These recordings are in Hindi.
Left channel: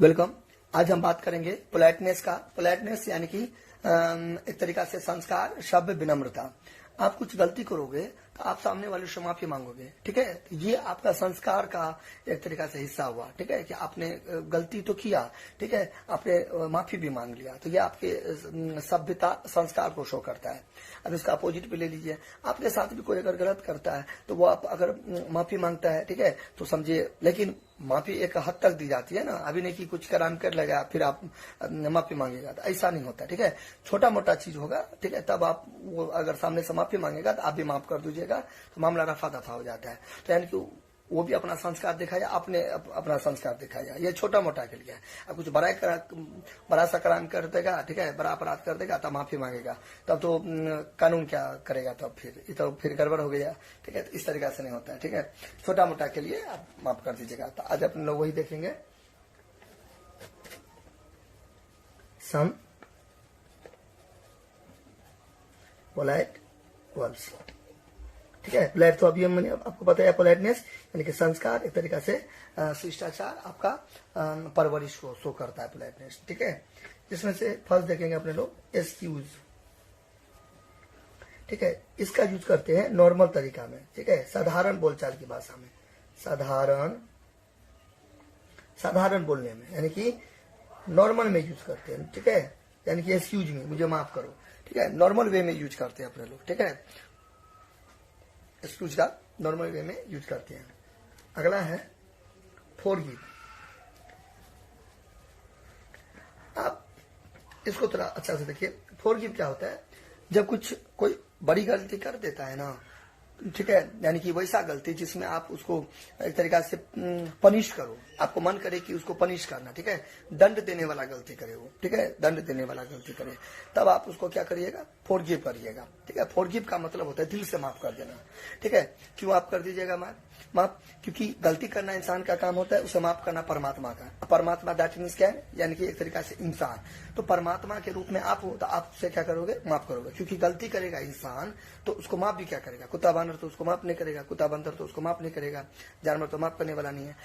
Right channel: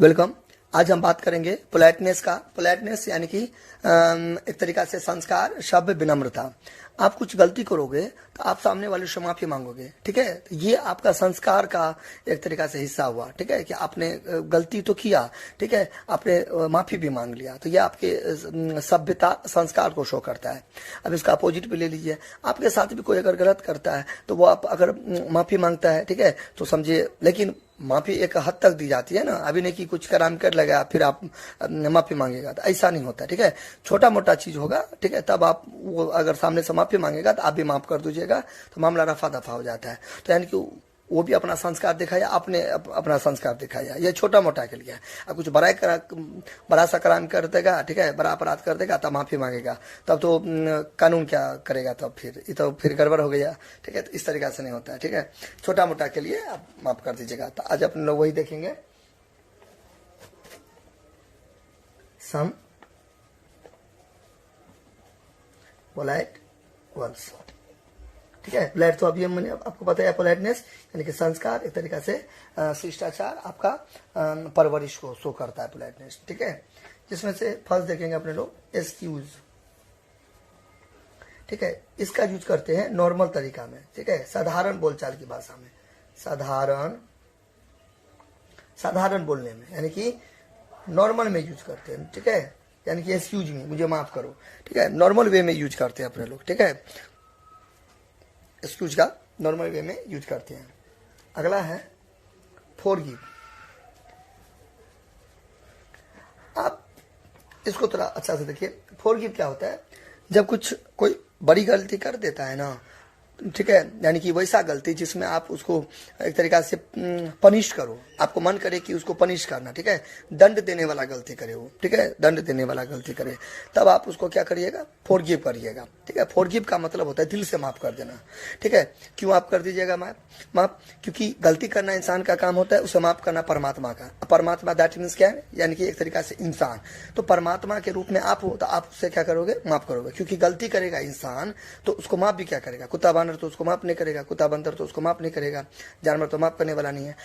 वेलकम। आज हम बात करेंगे पोलाइटनेस का। पोलाइटनेस यानी कि एक तरीका से संस्कार, सभ्य, विनम्रता। आप कुछ गलती करोगे तो आप सामने वाले से माफी मांगोगे, ठीक है। तो ये आपका संस्कार का एक तरीका से हिस्सा हुआ, ठीक है, कि आपने गलती तो किया, ठीक है, आपने माफी भी मांग लिया, तो ये आपके सभ्यता, संस्कार को शो करता है। अब इसका अपोजिट भी ले लीजिए, आपके साथ भी कोई अगर गलत करता है तो वो आप अगर माफी मांगता है, ठीक है, तो समझिए, लेकिन माफी एक हद तक दी जाती है ना, अभी नहीं कि कुछ कराम कर लगा फिर आप माफी मांगेगा, तो ऐसा नहीं होता, ठीक है। छोटा मोटा चीज होगा, ठीक है, तब आप वो अगर सामने से माफी मांगेगा तो आप भी माफ कर दीजिएगा, तो मामला रफा दफा हो जाता है। तो यानी कि वो भी अपना संस्कार दिखाया, आपने अपना संस्कार दिखाया। ये छोटा मोटा के लिए है। अब कुछ बड़ा सा क्राइम कर देगा, ठीक है, बड़ा अपराध कर देगा, तब माफी मांगेगा, तब तो कानून क्या करेगा, तब फिर ये तो फिर गड़बड़ हो गया, ठीक है। तो इस तरीका से नहीं होता है, ठीक है। छोटा मोटा के लिए आप माफ कर दीजिएगा। तो आज अपन लोग वही देखेंगे, सम पोलाइट वर्ड्स, ठीक है। पोलाइट तो अभी मैंने आपको बताया, पोलाइटनेस यानी कि संस्कार, एक तरीका से शिष्टाचार, आपका परवरिश को शो करता है पोलाइटनेस, ठीक है। जिसमें से फर्स्ट देखेंगे अपने लोग एक्सक्यूज, ठीक है। इसका यूज करते हैं नॉर्मल तरीका में, ठीक है, साधारण बोलचाल की भाषा में, साधारण बोलने में, यानी कि नॉर्मल में यूज करते हैं, ठीक है। यानी कि एक्सक्यूज मी, मुझे माफ करो, ठीक है, नॉर्मल वे में यूज करते हैं अपने लोग, ठीक है। एक्सक्यूज का नॉर्मल वे में यूज करते हैं। अगला है फॉरगिव। आप इसको थोड़ा अच्छा से देखिए। फॉरगिव क्या होता है? जब कुछ कोई बड़ी गलती कर देता है ना, ठीक है, यानी कि वैसा गलती जिसमें आप उसको एक तरीका से पनिश करो, आपको मन करे कि उसको पनिश करना, ठीक है, दंड देने वाला गलती करे वो, ठीक है, दंड देने वाला गलती करे, तब आप उसको क्या करिएगा? फॉरगिव करिएगा, ठीक है। फॉरगिव का मतलब होता है दिल से माफ कर देना, ठीक है। क्यों आप कर दीजिएगा माफ? क्योंकि गलती करना इंसान का काम होता है, उसे माफ करना परमात्मा का। परमात्मा दैट मीन्स क्या है? यानी कि एक तरीका से इंसान। तो परमात्मा के रूप में आप हो, तो आप उससे क्या करोगे? माफ करोगे। क्योंकि गलती करेगा इंसान तो उसको माफ भी क्या करेगा? कुत्ता बानर तो उसको माफ नहीं करेगा, कुत्ता बंदर तो उसको माफ नहीं करेगा, जानवर तो माफ करने वाला नहीं है।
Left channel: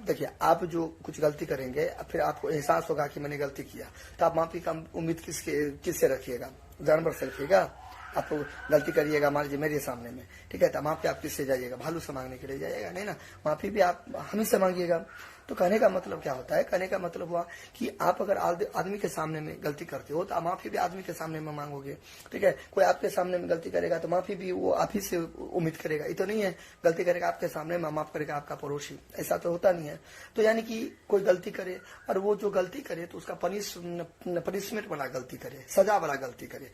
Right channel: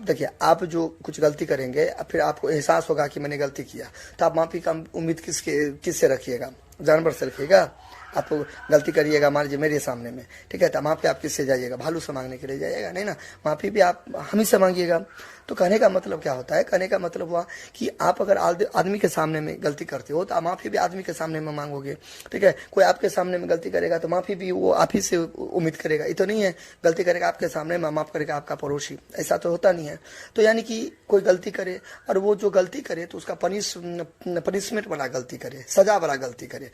देखिए, आप जो कुछ गलती करेंगे, फिर आपको एहसास होगा कि मैंने गलती किया, तो आप माफी का उम्मीद किससे रखिएगा? जानवर से रखिएगा। आप गलती करिएगा, मान लीजिए मेरे सामने में, ठीक है, तो माफी आप किससे जाइएगा? भालू से मांगने के लिए जाइएगा? नहीं ना, माफी भी आप हम ही से मांगिएगा। तो कहने का मतलब क्या होता है? कहने का मतलब हुआ कि आप अगर आदमी के सामने में गलती करते हो तो आप माफी भी आदमी के सामने में मांगोगे, ठीक है। कोई आपके सामने में गलती करेगा तो माफी भी वो आप ही से उम्मीद करेगा। ये तो नहीं है गलती करेगा आपके सामने में माफ करेगा आपका पड़ोसी, ऐसा तो होता नहीं है। तो यानी कि कोई गलती करे और वो जो गलती करे तो उसका पनिशमेंट वाला गलती करे, सजा वाला गलती करे,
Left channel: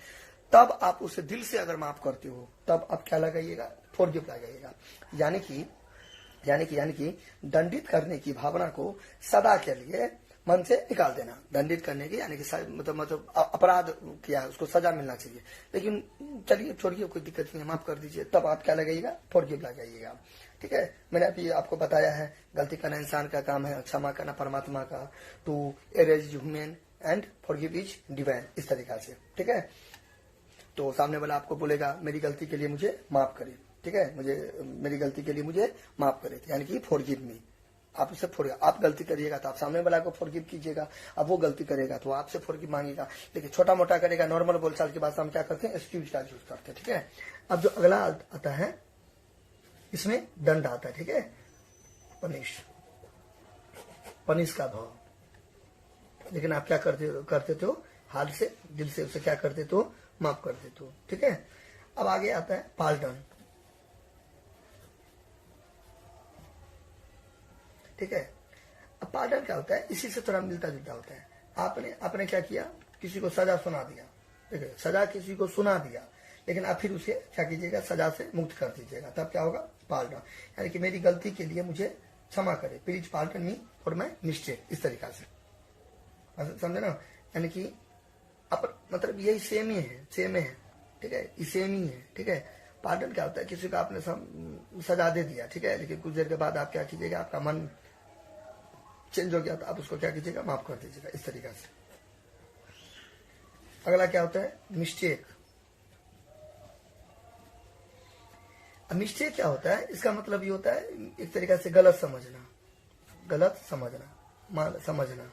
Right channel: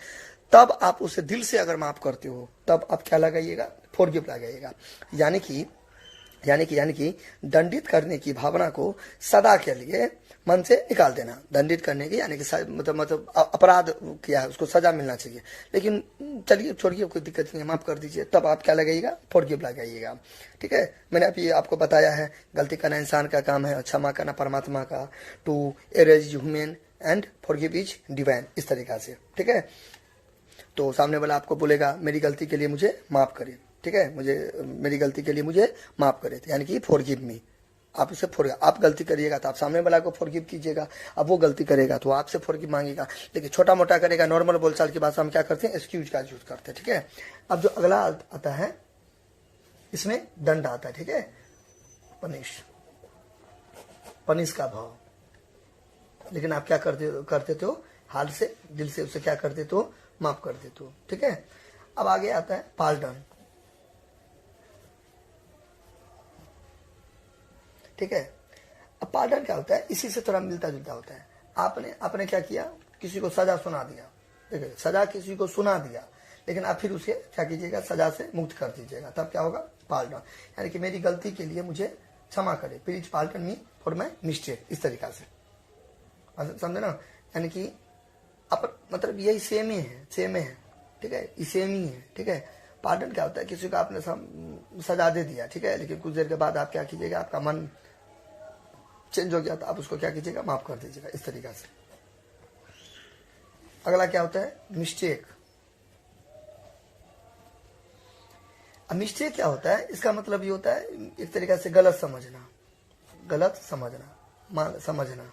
तब आप उसे दिल से अगर माफ करते हो, तब आप क्या लगाइएगा? फॉरगिव लगाइएगा। यानी कि दंडित करने की भावना को सदा के लिए मन से निकाल देना। दंडित करने की यानी कि मतलब अपराध किया है, उसको सजा मिलना चाहिए, लेकिन चलिए छोड़िए, कोई दिक्कत नहीं है, माफ कर दीजिए, तब आप क्या लगाइएगा? फॉरगिव लगाइएगा, ठीक है। मैंने अभी आपको बताया है, गलती करना इंसान का काम है, क्षमा करना परमात्मा का। To err is human and forgive is divine, इस तरीका से, ठीक है। तो सामने वाला आपको बोलेगा मेरी गलती के लिए मुझे माफ करे, ठीक है, मेरी गलती के लिए मुझे माफ करे, यानी कि फॉरगिव मी। आप उसे आप गलती करिएगा तो आप सामने वाला को फॉरगिव कीजिएगा। अब वो गलती करेगा तो आपसे फॉरगिव मांगेगा। लेकिन छोटा मोटा करेगा, नॉर्मल बोलचाल की भाषा हम क्या करते हैं? एक्सक्यूज का यूज करते हैं, ठीक है। अब जो अगला आता है, इसमें दंड आता है, ठीक है, पनिश का भाव। लेकिन आप क्या करते हो? हाल से, दिल से उसे क्या कर देते हो? माफ कर देते हो, ठीक है। अब आगे आता है पार्डन, ठीक है। अब पार्डन क्या होता है? इसी से थोड़ा मिलता जुलता होता है। आपने क्या किया? किसी को सजा सुना दिया, ठीक है, सजा किसी को सुना दिया, लेकिन आप फिर उसे क्या कीजिएगा? सजा से मुक्त कर दीजिएगा, तब क्या होगा? पार्डन, यानी कि मेरी गलती के लिए मुझे क्षमा करे, please pardon me for my mistake, इस तरीका से, समझे ना। यानी कि मतलब यही सेम ही है, ठीक है, ये सेम ही है, ठीक है। पार्डन क्या होता है? किसी को आपने सजा दे दिया, ठीक है, लेकिन कुछ देर के बाद आप क्या कीजिएगा? आपका मन चेंज हो गया तो आप उसको क्या कीजिएगा? माफ कर दीजिएगा, इस तरीका से। अगला क्या होता है? मिस्टेक। अब मिस्टेक क्या होता है? इसका मतलब ये होता है एक तरीका से गलत समझना, समझना।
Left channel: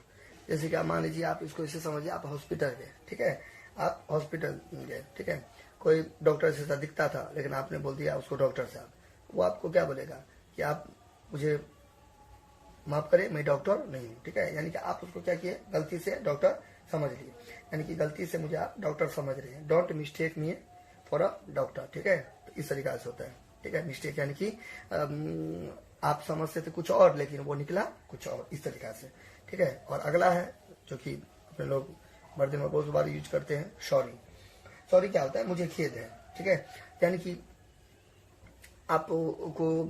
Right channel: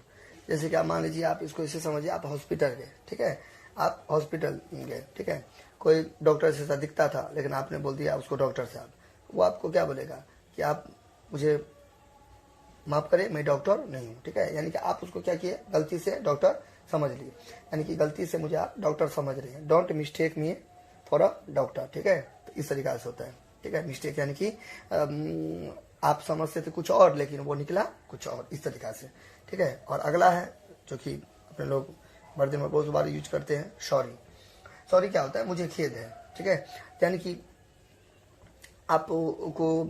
जैसे कि आप मान लीजिए, आप इसको ऐसे समझिए, आप हॉस्पिटल गए, ठीक है, आप हॉस्पिटल गए, ठीक है, कोई डॉक्टर से सा दिखता था, लेकिन आपने बोल दिया उसको डॉक्टर साहब, वो आपको क्या बोलेगा कि आप मुझे माफ करें, मैं डॉक्टर नहीं हूँ, ठीक है। यानी कि आप उसको क्या किए, गलती से डॉक्टर समझ लिए, यानी कि गलती से मुझे आप डॉक्टर समझ रहे हैं। Don't mistake me for a doctor, ठीक है। तो इस तरीका से होता है, ठीक है। मिस्टेक यानी कि आप समझते थे कुछ और, लेकिन वो निकला कुछ और, इस तरीका से, ठीक है। और अगला है जो कि अपने लोग वर्दी में बहुत बार यूज करते हैं, सॉरी। सॉरी क्या होता है, मुझे खेद है, ठीक है। यानी कि आपको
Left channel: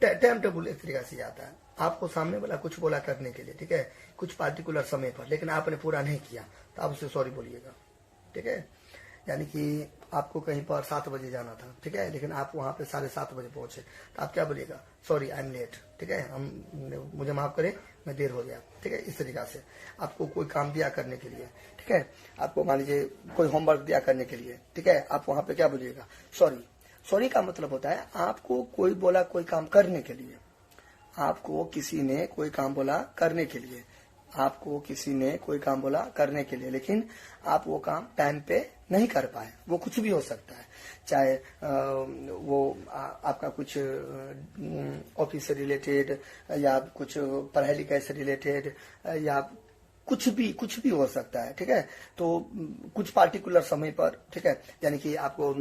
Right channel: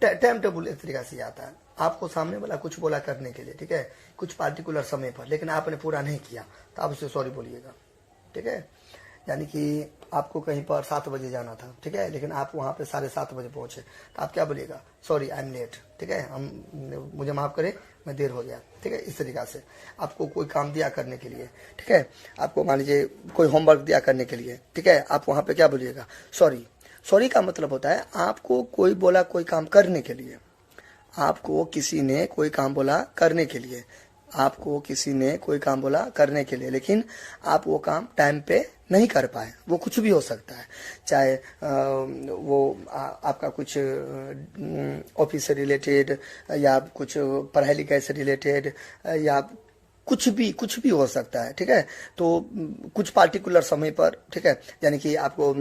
टाइम टेबल एक तरीका से आता है, आपको सामने वाला कुछ बोला करने के लिए, ठीक है, कुछ पार्टिकुलर समय पर, लेकिन आपने पूरा नहीं किया, तो आप उससे सॉरी बोलिएगा, ठीक है। यानी कि आपको कहीं पर 7 बजे जाना था, ठीक है, लेकिन आप वहां पे 7:30 बजे पहुंचे, तो आप क्या बोलिएगा, सॉरी आई एम लेट, ठीक है, मुझे माफ करें, मैं देर हो गया, ठीक है। इस तरीका से आपको कोई काम दिया करने के लिए, ठीक है, आपको मान लीजिए कोई होमवर्क दिया करने के लिए, ठीक है, आप वहां पे क्या बोलिएगा, सॉरी। सॉरी का मतलब होता है आपको कोई बोला कोई काम करने के लिए, आपको किसी ने कोई काम बोला करने के लिए, आपको किसी ने कोई काम बोला करने के लिए, लेकिन आप वो काम टाइम पे नहीं कर पाए। वो कुछ भी हो सकता है, चाहे आपका कुछ ऑफिस से रिलेटेड, या कुछ पढ़ाई लिखाई से रिलेटेड, या कुछ भी हो सकता है, ठीक है। तो कुछ पार्टिकुलर समय पर, ठीक है, यानी कि आपको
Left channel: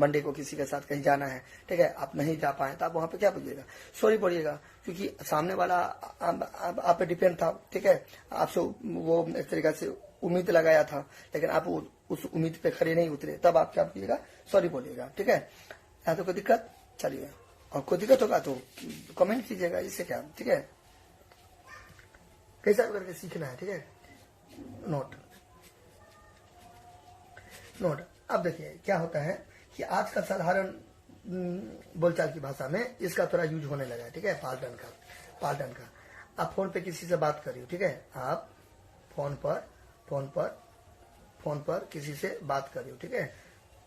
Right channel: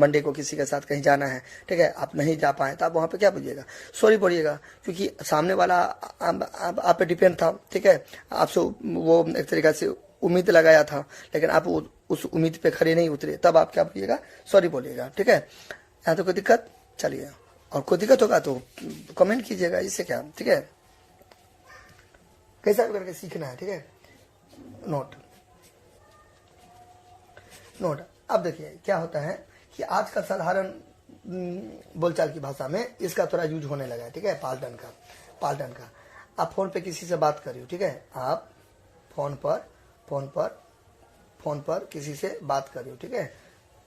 मंडे को किसी के साथ कहीं जाना है, ठीक है, आप नहीं जा पाए, तो आप वहां पे क्या बोलिएगा, सॉरी बोलिएगा, क्योंकि सामने वाला आप पे डिपेंड था, ठीक है, आपसे वो एक तरीका से उम्मीद लगाया था, लेकिन आप उस उम्मीद पे खड़े नहीं उतरे, तब आप क्या बोलिएगा, सॉरी बोलिएगा, ठीक है। यहाँ तो कोई दिक्कत, चलिए, और कोई दिक्कत होगा तो कमेंट कीजिएगा, इससे क्या, ठीक है, कैसा करके सीखना है, ठीक है। नोट। अब देखिए क्या होता है कि आज का साधारण बोलचाल की भाषा में इसका थोड़ा यूज होने लगा है, ठीक है, पाल्टन का। आप फोन पे किसी से बात कर रही हो, ठीक है, आप फोन पर किसी से बात कर रही हो, ठीक है,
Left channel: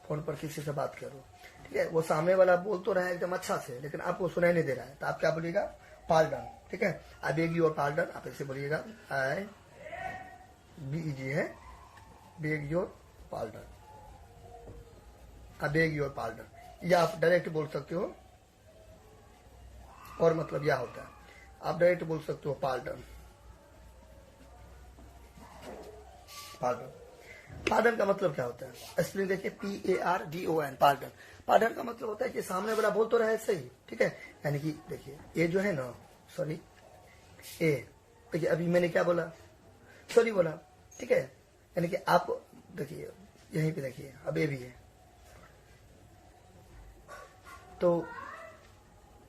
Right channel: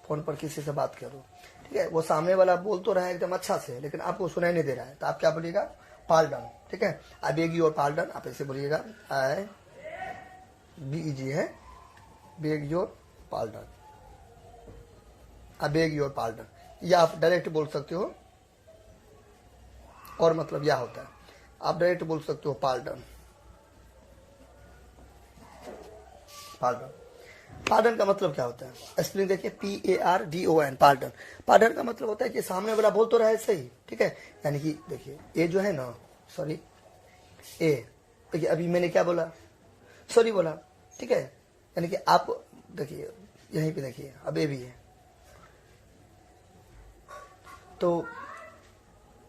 फोन पर किसी से बात करो, ठीक है, वो सामने वाला बोल तो रहा है एकदम अच्छा से, लेकिन आपको सुनाई नहीं दे रहा है, तो आप क्या बोलिएगा, पाल्टन, ठीक है। आई बेग योर पाल्टन, आप ऐसे बोलिएगा, आई बीजी है, beg your pardon, I beg your pardon, या आप डायरेक्ट बोल सकते हो, और मतलब यह होता है, आप डायरेक्ट बोल सकते हो पाल्टन। पार्डन का मतलब क्या होता है, स्पेलिंग देखिए, PARDON, पार्डन। पार्डन का मतलब होता है कि सामने वाला बोल तो रहा है सही, ठीक है, यानी कि देखिए ये जो है ना, सॉरी, ए, देखिए अभी मैंने क्या बोला, सॉरी बोला, ठीक है, यानी कि आप देखिए यहीं पे देखिए, अब ए भी है, तो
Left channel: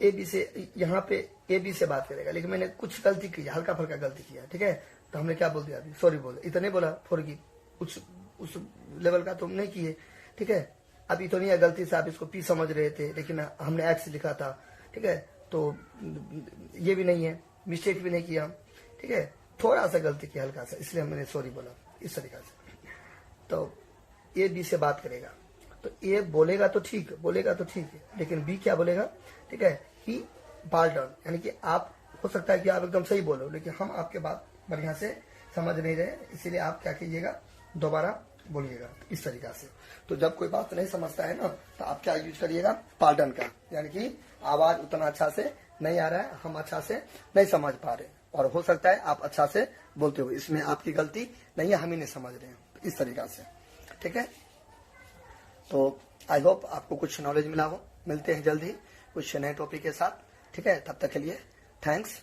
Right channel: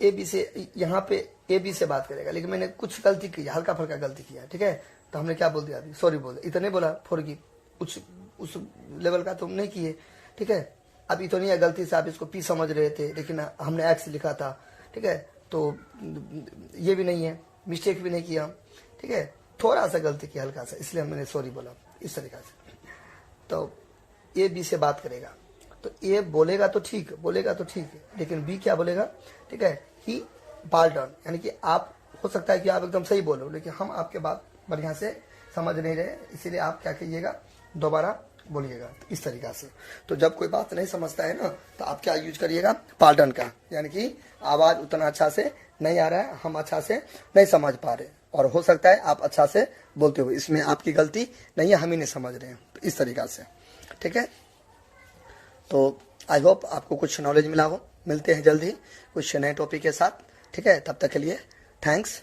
ए बी से, यहाँ पे ए बी से बात करेगा, लेकिन मैंने कुछ गलती की, हल्का फल्का गलती किया, ठीक है, तो हमने क्या बोल दिया, अभी सॉरी बोल, इतने बोला, फॉरगिव, उस लेवल का तुम नहीं किए, ठीक है। अभी तो नहीं है, गलती से आप इसको पी समझ रहे थे, लेकिन हमने एक्स लिखा था, ठीक है, तो ये भी नहीं है, मिस्टेक भी नहीं किया, ठीक है, थोड़ा सा गलती किया हल्का सा, इसलिए मैंने सॉरी बोला, इस तरीका से। तो ए बी से बात करेगा, तो ए बोलेगा तो ठीक है, लेकिन बी क्या बोलेगा, ठीक है, कि पाल्टन, यानी कि आप, हो सकता है कि आप एकदम सही बोलो, लेकिन हम आपके बात बढ़िया से समझ नहीं रहे, इसीलिए आप क्या कीजिएगा, दोबारा बोलिएगा, इस तरीका से। तो जब कोई बात नहीं समझता है ना, तो आप क्या यूज करिएगा, पाल्टन का, यानी कि आवाज उतना अच्छा से नहीं आ रहा है, हम अच्छा से नहीं समझ पा रहे, और हो सकता है आप अच्छा से बोलते हो, इसमें आपकी गलती नहीं है, हम ही नहीं समझ रहे हैं, तो इस तरीका से, ठीक है। तो आई होप आपको कुछ नॉलेज मिला हो, मिलते हैं जल्द ही कुछ नए टॉपिक के साथ, ठीक है, तब तक के लिए थैंक्स।